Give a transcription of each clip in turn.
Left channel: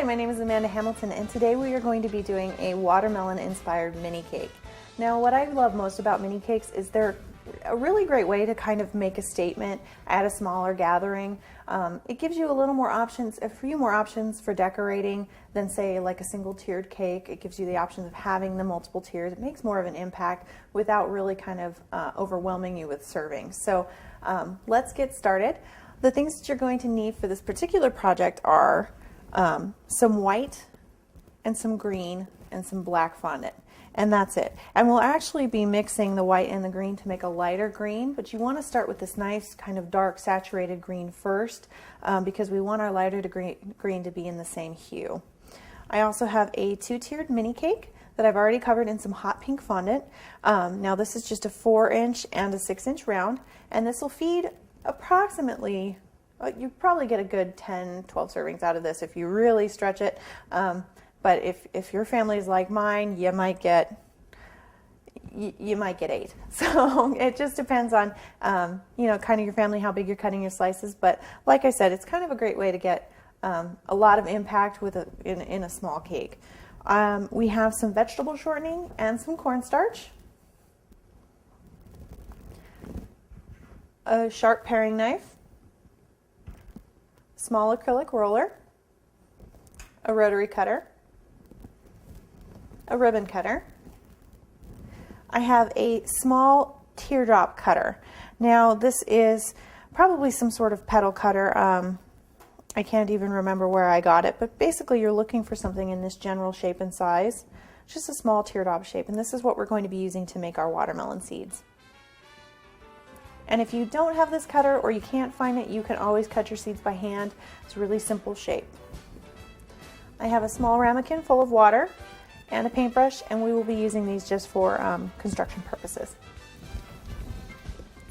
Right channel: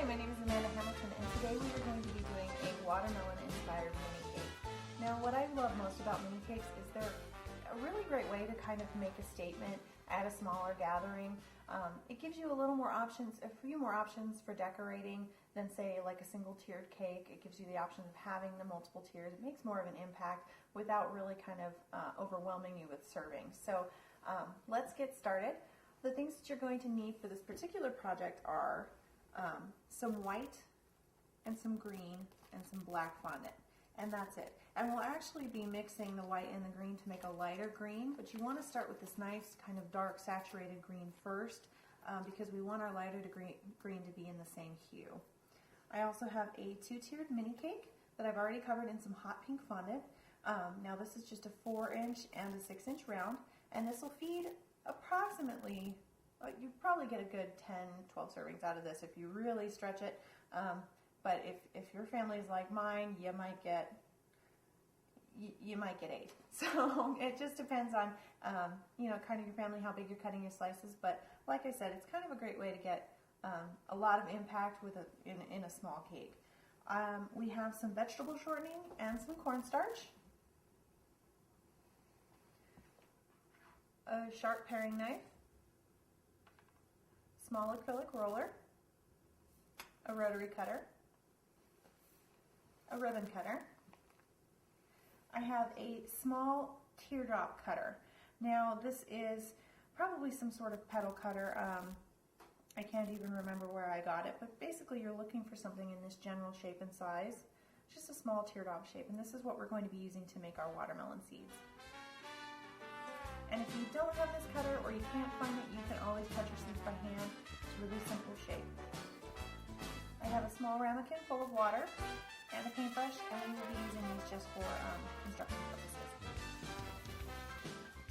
Hi, my name is Amanda Hamilton, and today we are going to be doing a watermelon-inspired mini cake. Now, what I love most about mini cakes is they're a really great way to kind of make a statement at a smaller gathering. It gives you a little more options, a few more options for decorating than, say, like a single tiered cake. It gives you the option of having the multiple tiers. It makes more of an impact without really kind of overwhelming you with serving. So let's get started. The things that you're going to need for this particular project are some white and some green and some black fondant, and that's it. And we'll actually be mixing the white and the green to make a lighter green, but you want to start with this nice kind of dark saturated green first because we want our lighter green to be in the same hue. I also have a 2-tiered mini cake that I've already covered in some hot pink fondant. Now this is just a 4-inch and a 6-inch round, and this will feed approximately, you probably get a good 10-12 servings out of this if you really stretch it. But if your family is like mine, you might get 8. So it just depends on kind of your family, how big you're cutting your slices. But like I said, it's kind of a great way to get a lot of impact with in a small cake. We have some vegetable shortening and some cornstarch, a sharp paring knife, small acrylic roller, a rotary cutter, a ribbon cutter. I have a small teardrop cutter. Now this is probably some sort of petal cutter. I can't even remember where I got it, but basically you're looking for something in this general shape and size, just a small teardrop shape, and this is what we're going to be using to make our watermelon seeds. And if you don't have this cutter or you can't find it, you can always cut your seeds by hand. It's a really simple shape. I have a small ramekin full of water and a paintbrush, and we will be using these just for construction purposes.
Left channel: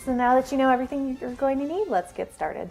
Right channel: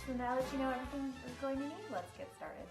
So now that you know everything you're going to need, let's get started.